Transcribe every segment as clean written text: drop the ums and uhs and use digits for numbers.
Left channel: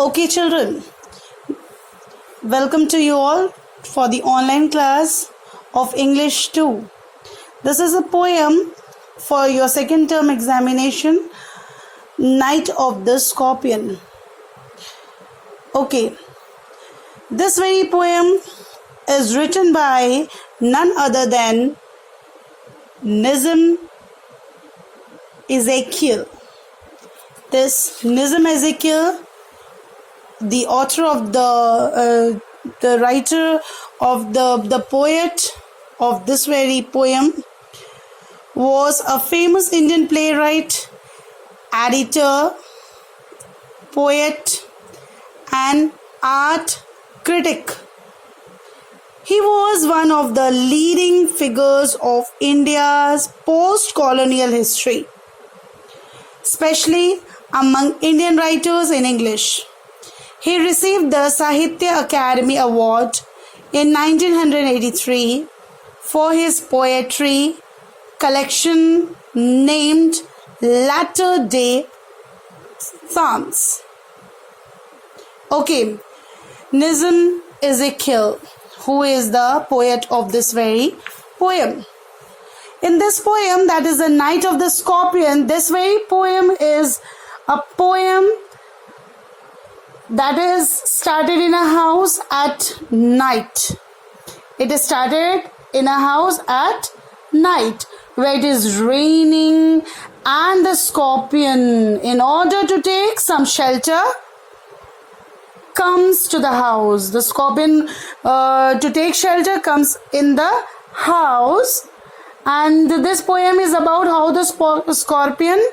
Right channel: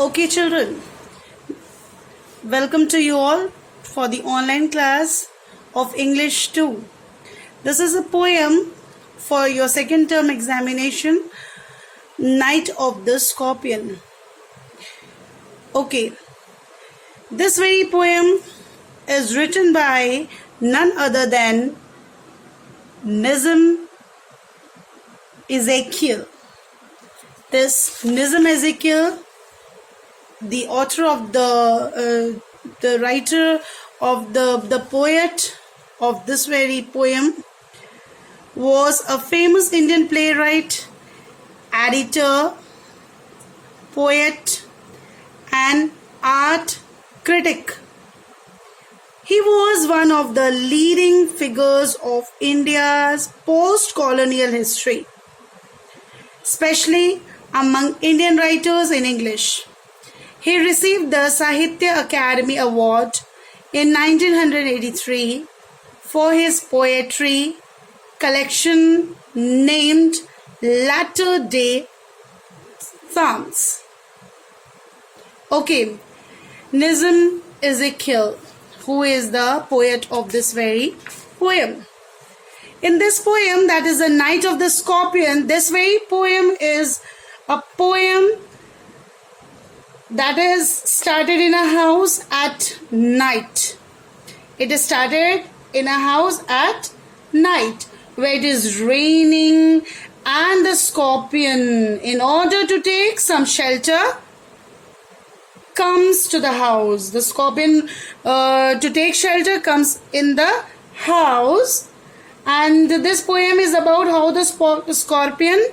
Okay, children, welcome to you all for the online class of English 2. This is a poem for your second term examination, Night of the Scorpion. Okay, this very poem is written by none other than Nizam Ezekiel. This Nizam Ezekiel, the author of the writer of the poet of this very poem, was a famous Indian playwright, editor, poet, and art critic. He was one of the leading figures of India's post-colonial history, especially among Indian writers in English. He received the Sahitya Academy Award in 1983 for his poetry collection named Latter-day Psalms. Okay, Nizam Ezekiel, who is the poet of this very poem. In this poem, that is the Night of the Scorpion, this very poem is a poem that is started in a house at night. It is started in a house at night where it is raining and the scorpion, in order to take some shelter, comes to the house. The scorpion to take shelter comes in the house, and this poem is about how the scorpion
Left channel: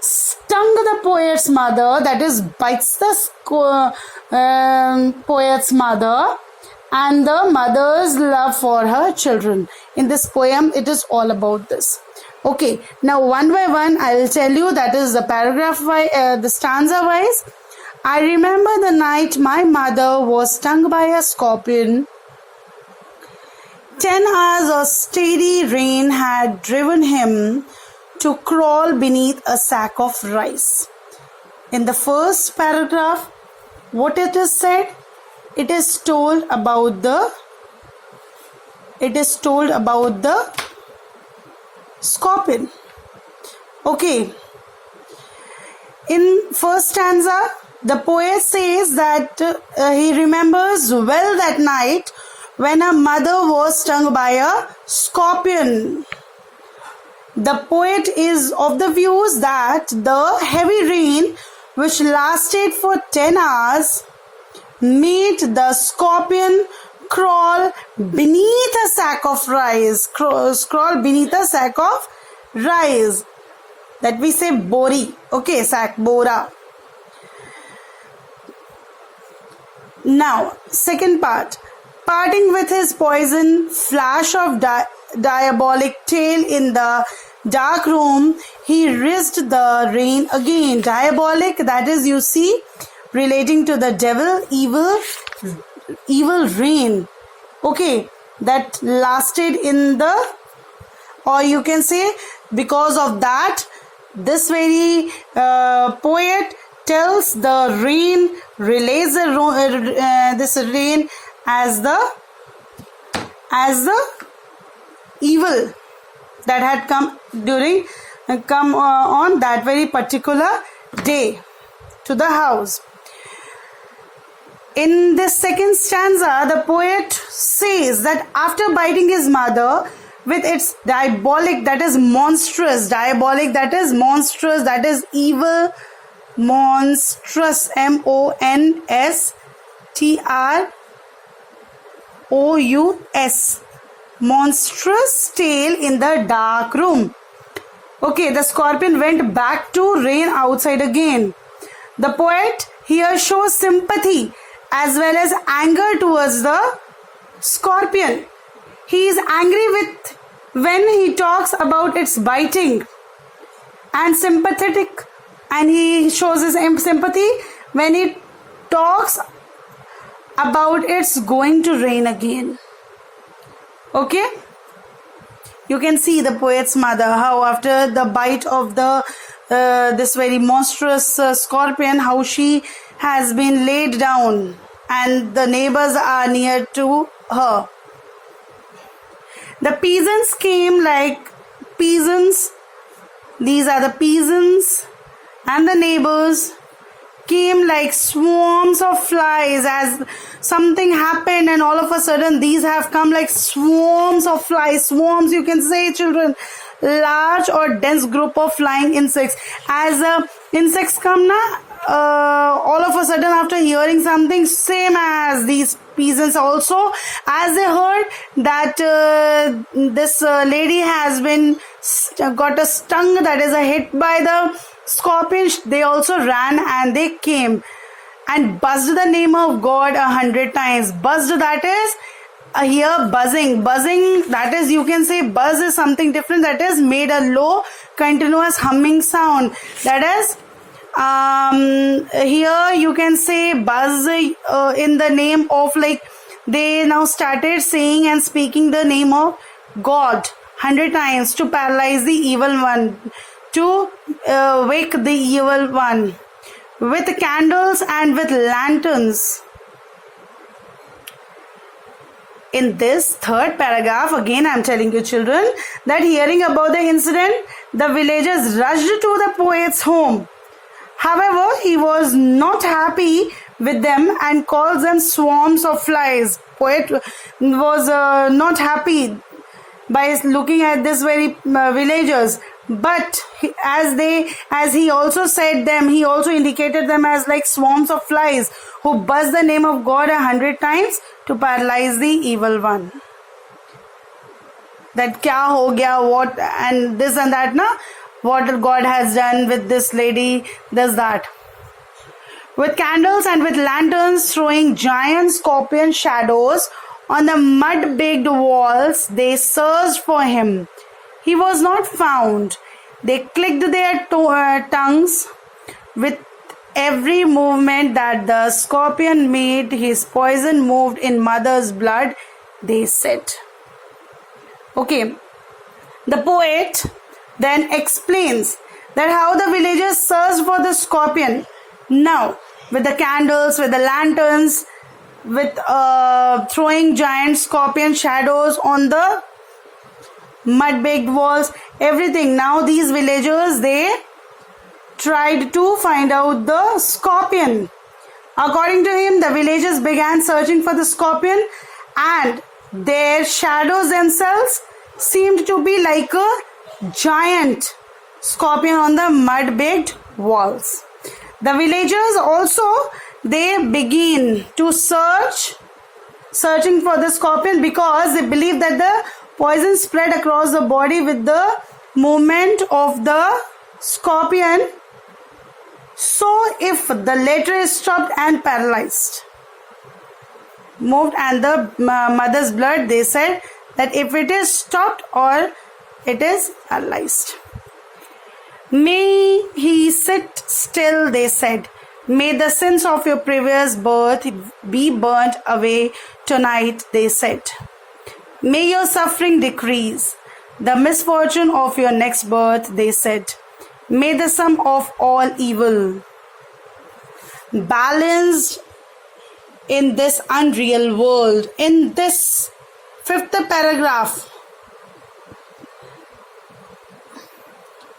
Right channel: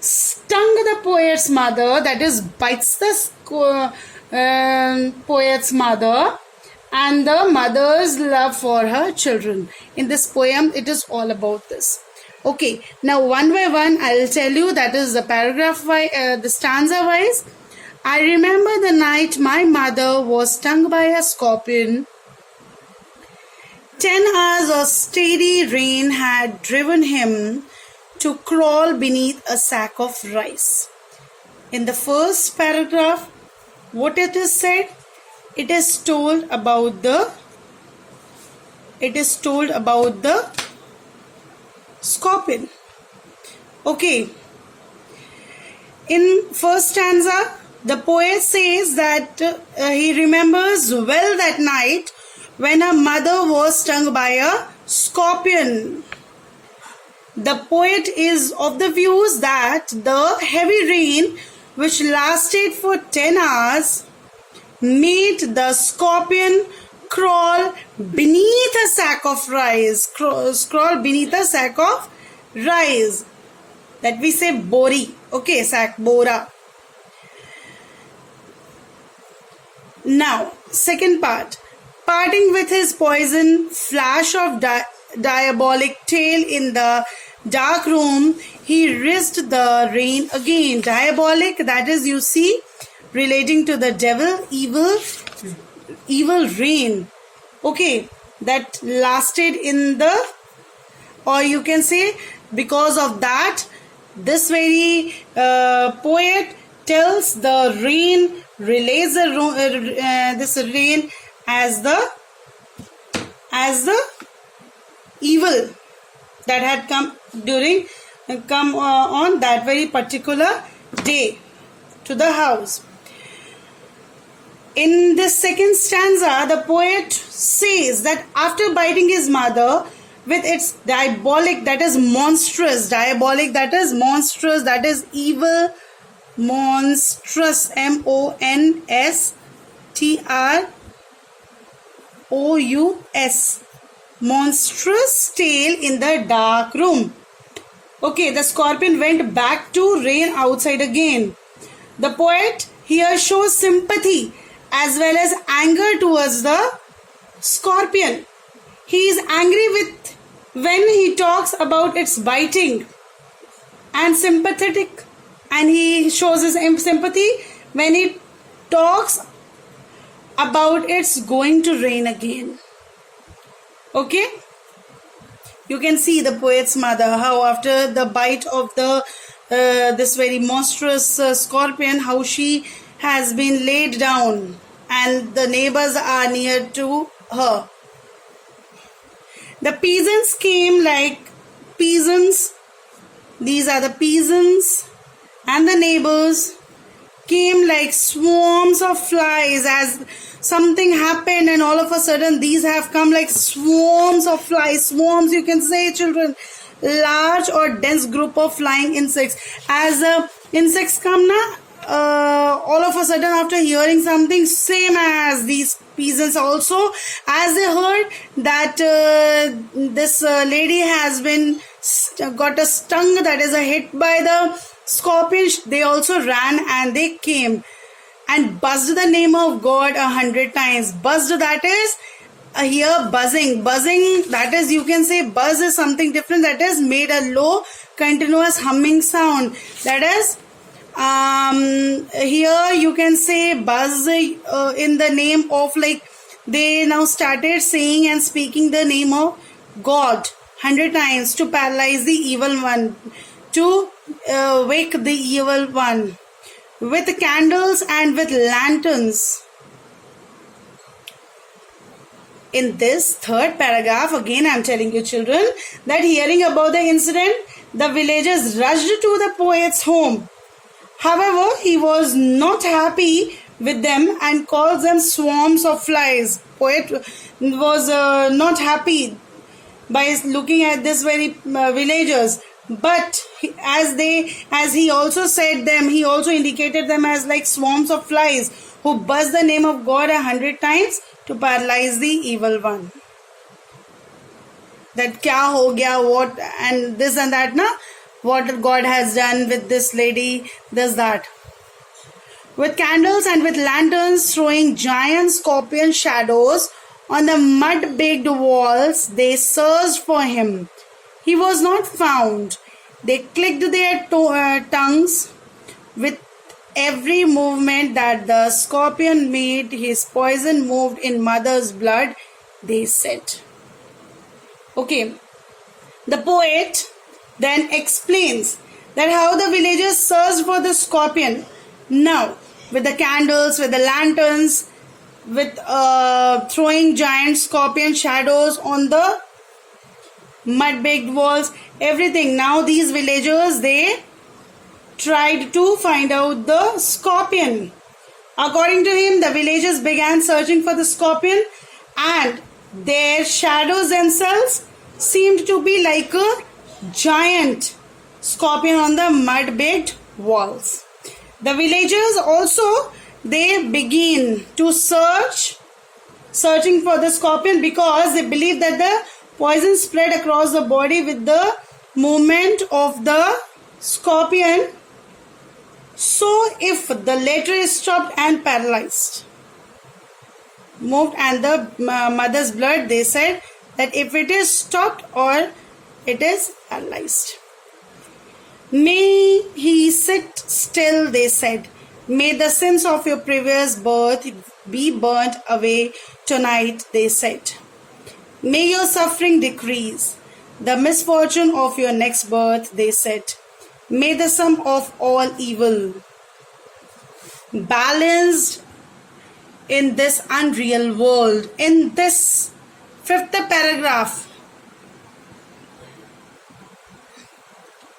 stung the poet's mother, that is bites the poet's mother, and the mother's love for her children. In this poem, it is all about this. Okay, now one by one I will tell you, that is the paragraph the stanza wise. I remember the night my mother was stung by a scorpion. 10 hours of steady rain had driven him to crawl beneath a sack of rice. In the first paragraph, what it is said? It is told about the scorpion. Okay. In first stanza, the poet says that he remembers well that night when her mother was stung by a scorpion. The poet is of the views that the heavy rain, which lasted for 10 hours, made the scorpion crawl beneath a sack of rice. Crawl beneath a sack of rice. That we say bori. Okay, sack, bora. Now, second part. Parting with his poison, flash of diabolic tail in the dark room, he risked the rain again. Diabolic, that is, you see, relating to the devil, evil rain. Okay, that lasted in the, or you can say, because of that, this very poet tells the rain, relays this rain as the evil that had come on that very particular day to the house. In this second stanza, the poet says that after biting his mother with its diabolic, that is monstrous, diabolic, that is monstrous, that is evil, monstrous, monstrous, monstrous tail in the dark room. Okay, the scorpion went back to rain outside again. The poet here shows sympathy as well as anger towards the scorpion. He is angry with when he talks about its biting, and sympathetic, and he shows his sympathy when he talks about it's going to rain again. Okay, you can see the poet's mother, how after the bite of the this very monstrous scorpion, how she has been laid down and the neighbors are near to her. The peasants came like peasants. These are the peasants, and the neighbors came like swarms of flies, as something happened and all of a sudden these have come like swarms of flies. Swarms, you can say, children, large or dense group of flying insects. As insects come now, all of a sudden after hearing something, same as these peasants also, as they heard that this lady has been got a stung, that is a hit by the scorpion, they also ran and they came and buzzed the name of God 100 times. Buzzed, that is here buzzing. Buzzing, that is, you can say buzz is something different, that is made a low continuous humming sound. That is here you can say buzz in the name of, like, they now started saying and speaking the name of God 100 times to paralyze the evil one, to wake the evil one, with candles and with lanterns. In this third paragraph, again I am telling you, children, that hearing about the incident, the villagers rushed to the poet's home. However, he was not happy with them and called them swarms of flies. Poet was not happy by looking at this very villagers, but as he also said them, he also indicated them as like swarms of flies who buzz the name of God 100 times to paralyze the evil one. That kya ho gaya, what, and this and that, na? What God has done with this lady, does that. With candles and with lanterns, throwing giant scorpion shadows on the mud-baked walls, they searched for him. He was not found. They clicked their tongues with every movement that the scorpion made. His poison moved in mother's blood, they said. Okay, the poet then explains that how the villagers searched for the scorpion. Now, with the candles, with the lanterns, with throwing giant scorpion shadows on the mud-baked walls, everything. Now these villagers, they tried to find out the scorpion. According to him, the villagers began searching for the scorpion, and their shadows themselves seemed to be like a giant scorpion on the mud-baked walls. The villagers also, they begin to searching for the scorpion, because they believe that the poison spread across the body with the movement of the scorpion. So if the latter is stopped and paralyzed, moved, and the mother's blood, they said that if it is stopped or it is paralyzed. May he sit still, they said. May the sins of your previous birth be burnt away tonight, they said. May your suffering decrease. The misfortune of your next birth, they said. May the sum of all evil balanced in this unreal world. In this fifth paragraph,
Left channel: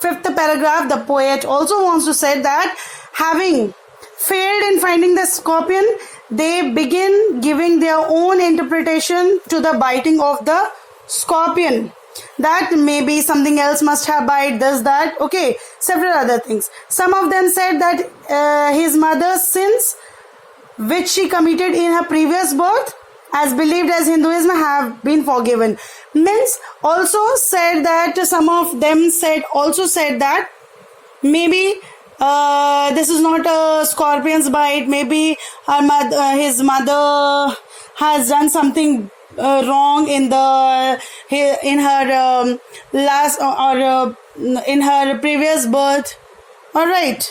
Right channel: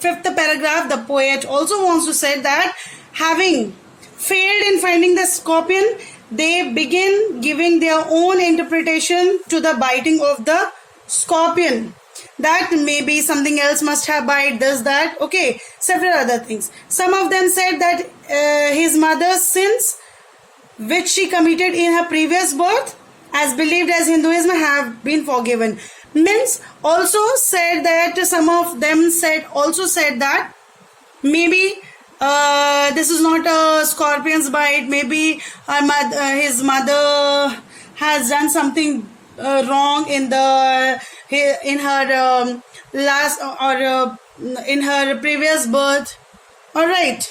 the poet also wants to say that having failed in finding the scorpion, they begin giving their own interpretation to the biting of the scorpion. That maybe something else must have bite, does that, okay, several other things. Some of them said that his mother's sins which she committed in her previous birth, as believed as Hinduism, have been forgiven. Means also said that some of them said that maybe this is not a scorpion's bite, maybe his mother has done something wrong in her last or in her previous birth. All right,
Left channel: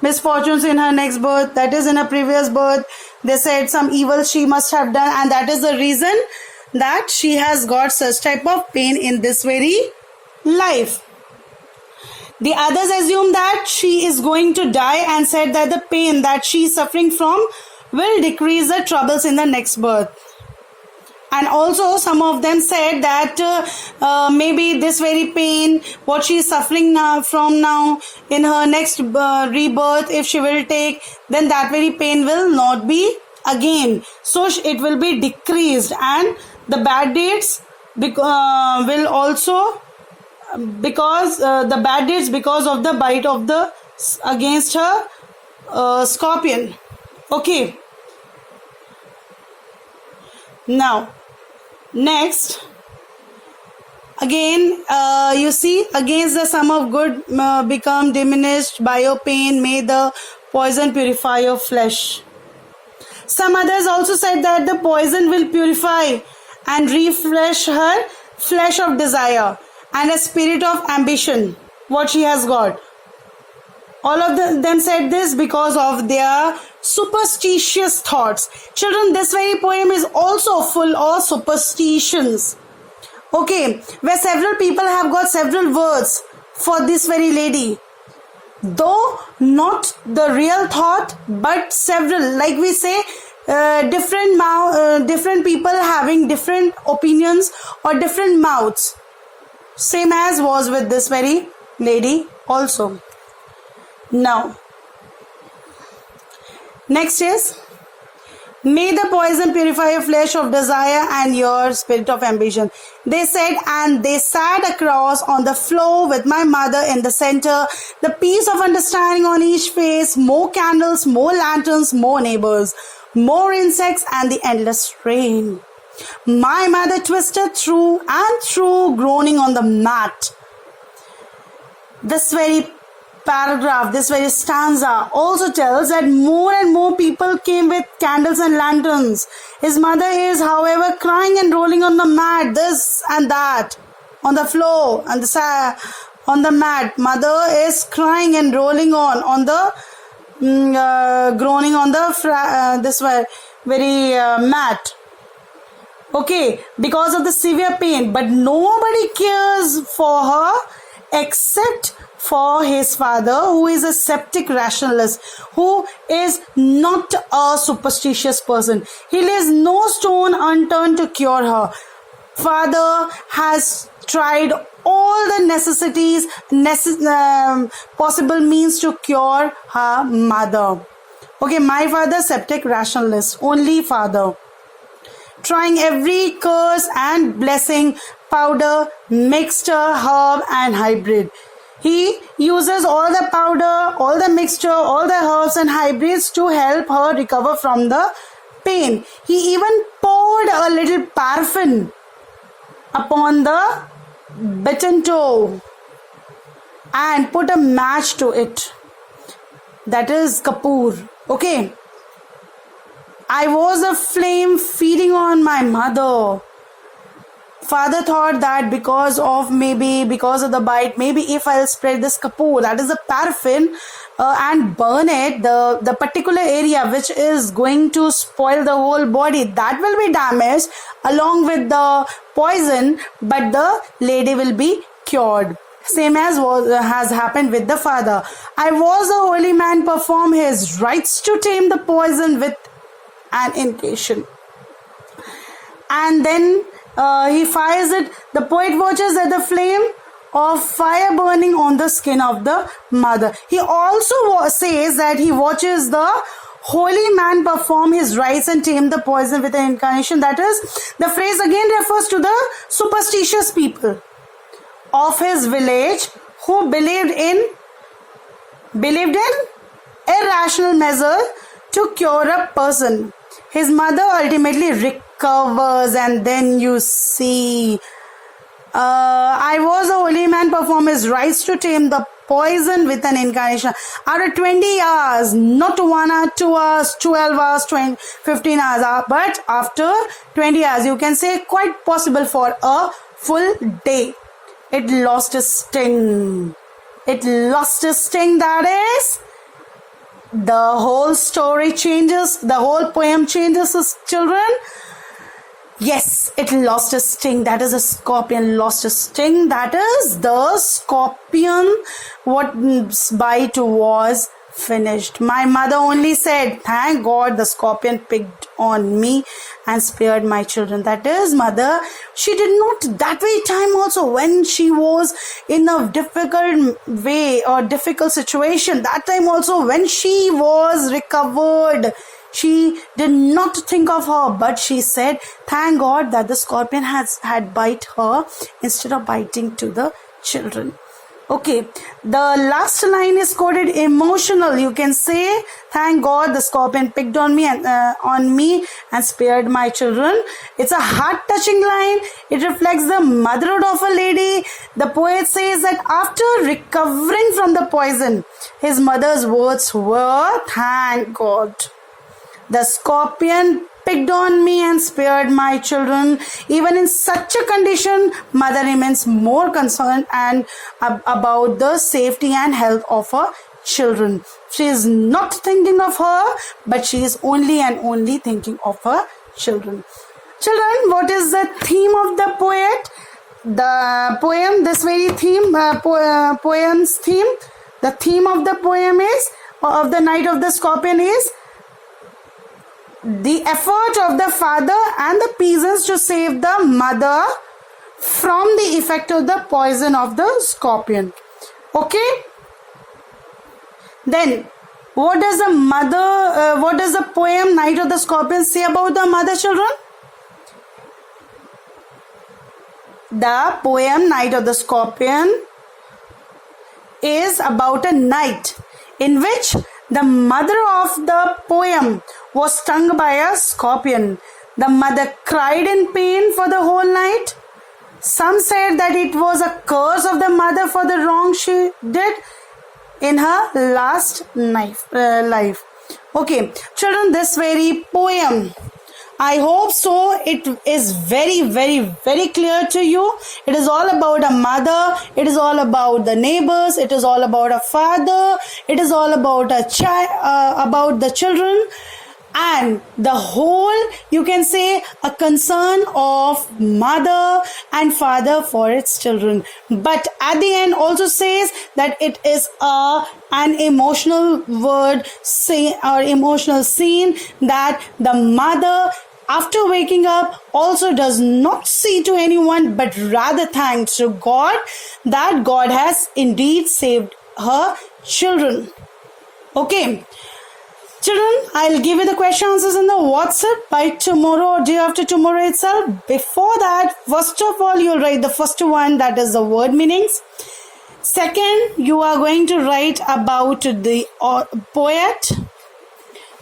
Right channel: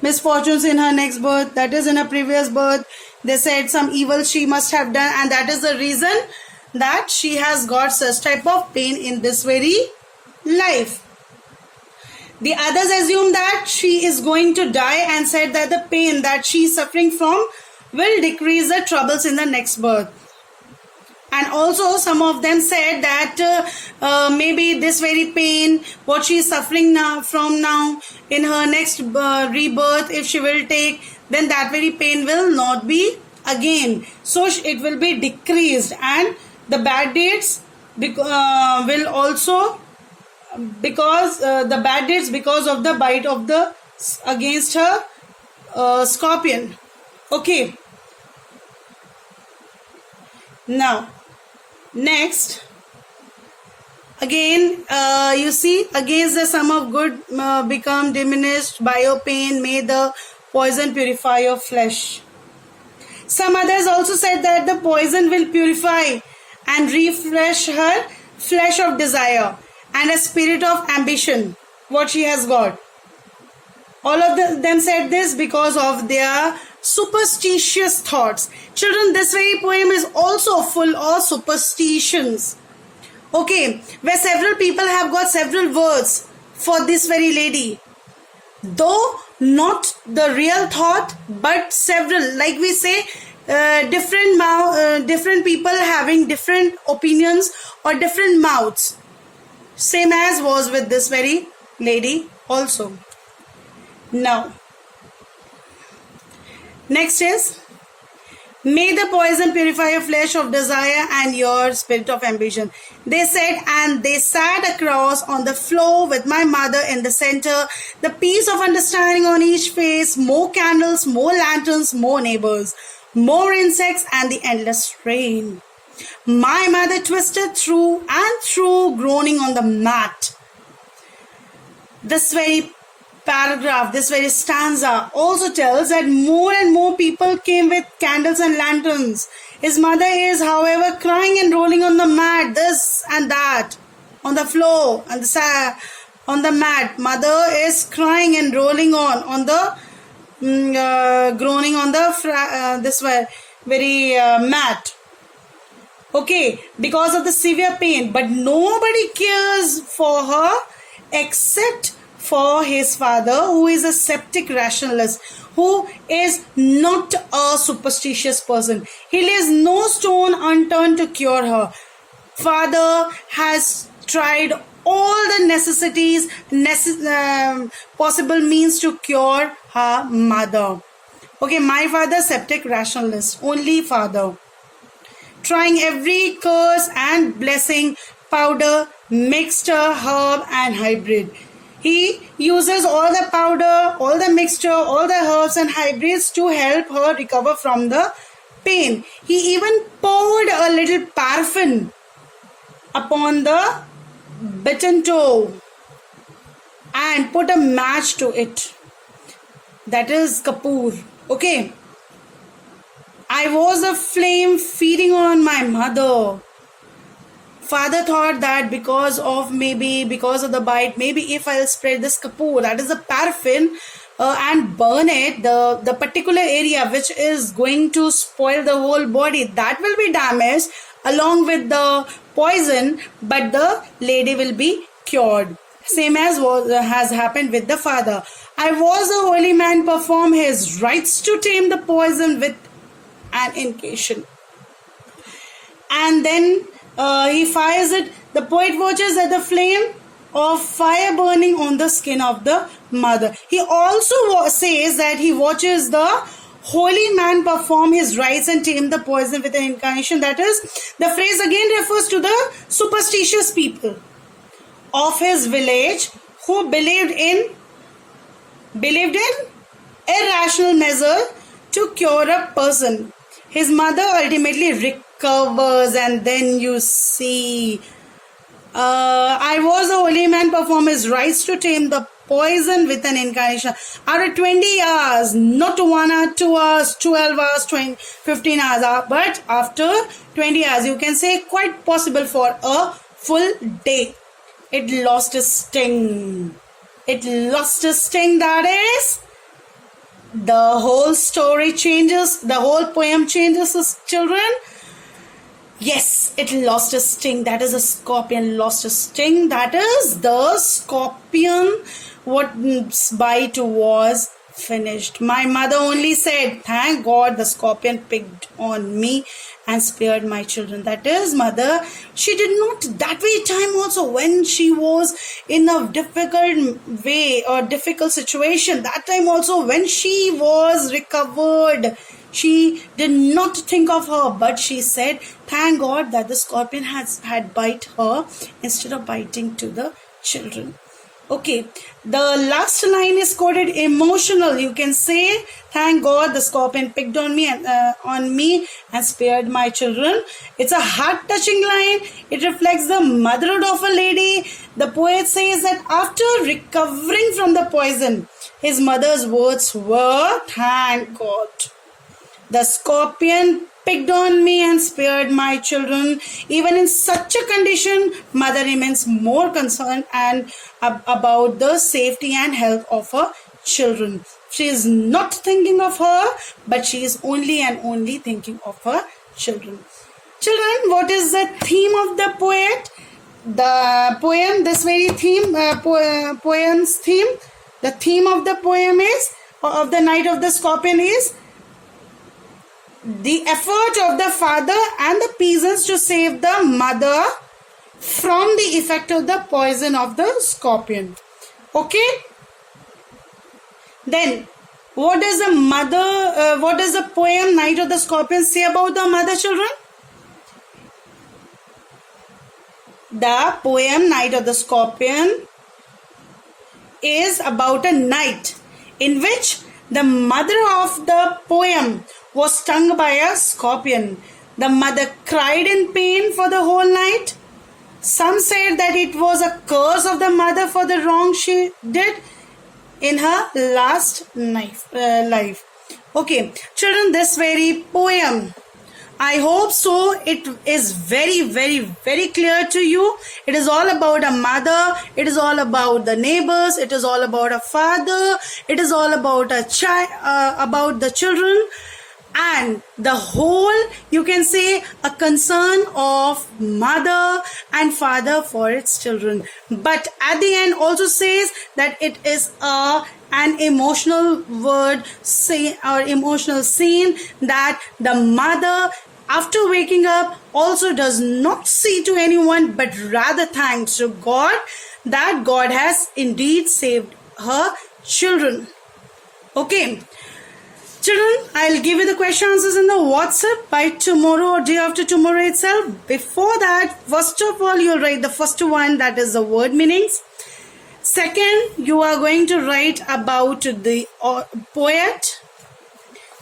misfortunes in her next birth, that is in her previous birth. They said some evil she must have done, and that is the reason that she has got such type of pain in this very life. The others assume that she is going to die and said that the pain that she is suffering from will decrease the troubles in the next birth. And also some of them said that maybe this very pain, what she is suffering now in her next rebirth, if she will take, then that very pain will not be again. So it will be decreased, and the bad deeds will also, because the bad deeds because of the bite of the against her scorpion. Okay. Now, next, again, you see, against the sum of good become diminished by your pain, may the poison purify your flesh. Some others also said that the poison will purify and refresh her flesh of desire and a spirit of ambition, what she has got. All of them said this because of their superstitious thoughts. Children, this very poem is also full of superstitions. Okay, where several people have got several words for this very lady. Though not the real thought, but several, like we say, different people having different opinions or different mouths. Same as was with this very lady also. Now, next is, may the poison purify your flesh of desire and your spirit of ambition. They said, and they sat across on the floor with my mother in the center, the peace of understanding on each face, more candles, more lanterns, more neighbors, more insects, and the endless rain. My mother twisted through and through, groaning on the mat. This very paragraph, this very stanza also tells that more and more people came with candles and lanterns. His mother is, however, crying and rolling on the mat, this and that, on the floor, and on the mat. Mother is crying and rolling on the groaning on the this very mat. Okay, because of the severe pain, but nobody cares for her except for his father, who is a sceptic rationalist, who is not a superstitious person. He leaves no stone unturned to cure her. Father has tried all the necessities, possible means to cure her mother. Okay, my father, sceptic rationalist, only father. Trying every curse and blessing, powder, mixture, herb and hybrid. He uses all the powder, all the mixture, all the herbs and hybrids to help her recover from the pain. He even poured a little paraffin upon the bitten toe and put a match to it. That is kapoor. Okay. I was a flame feeding on my mother. Father thought that because of the bite, maybe if I'll spread this kapoor, that is the paraffin, and burn it, the particular area which is going to spoil the whole body, that will be damaged along with the poison, but the lady will be cured. Same as has happened with the father. I was a holy man, perform his rites to tame the poison with an incantation. And then he fires it. The poet watches at the flame of fire burning on the skin of the mother. He also says that he watches the holy man perform his rites and tame the poison with an incantation. That is, the phrase again refers to the superstitious people of his village who believed in irrational measure to cure a person. His mother ultimately recovers, and then you see, I was a holy man, perform his rites to tame the poison with an incantation. After 20 hours, not 1 hour, 2 hours, 12 hours, 15 hours, but after 20 hours, you can say quite possible for a full day. It lost its sting. It lost its sting, that is, the whole story changes, the whole poem changes, children. Yes, it lost a sting. That is, a scorpion lost a sting. That is, the scorpion what's bite was finished. My mother only said, thank God the scorpion picked on me and spared my children. That is, mother, she did not that way time also when she was in a difficult way or difficult situation. That time also when she was recovered, she did not think of her, but she said, thank God that the scorpion had bite her instead of biting to the children. Okay, the last line is quoted emotional. You can say, thank God the scorpion picked on me and spared my children. It's a heart-touching line. It reflects the motherhood of a lady. The poet says that after recovering from the poison, his mother's words were, thank God. The scorpion picked on me and spared my children. Even in such a condition, mother remains more concerned and about the safety and health of her children. She is not thinking of her, but she is only and only thinking of her children. Children, what is the theme of the poet? The poem, this very theme, poem's theme, the theme of the poem is, of the Night of the Scorpion is, the effort of the father and the peasants to save the mother from the effect of the poison of the scorpion. Okay? Then, what does the poem Night of the Scorpion say about the mother, children? The poem Night of the Scorpion is about a night in which the mother of the poem was stung by a scorpion. The mother cried in pain for the whole night. Some said that it was a curse of the mother for the wrong she did in her last life. Okay, children, this very poem, I hope so, it is very, very, very clear to you. It is all about a mother. It is all about the neighbors. It is all about a father. It is all about a child, about the children. And the whole, you can say, a concern of mother and father for its children. But at the end also says that it is an emotional word, or emotional scene, that the mother, after waking up, also does not say to anyone, but rather thanks to God that God has indeed saved her children. Okay. Children, I'll give you the question answers in the WhatsApp by tomorrow or day after tomorrow itself. Before that, first of all, you'll write the first one, that is the word meanings. Second, you are going to write about the poet.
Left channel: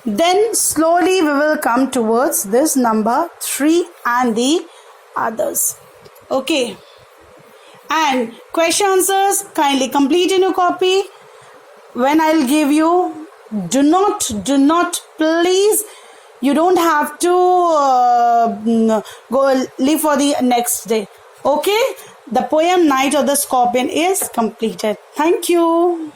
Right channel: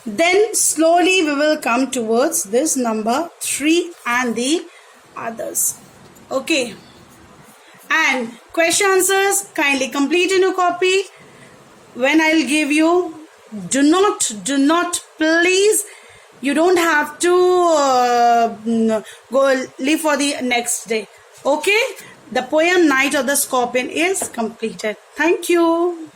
Then slowly we will come towards this number 3 and the others. Okay. And question answers, kindly complete in your copy. When I'll give you, do not, please, you don't have to go leave for the next day. Okay? The poem Night of the Scorpion is completed. Thank you.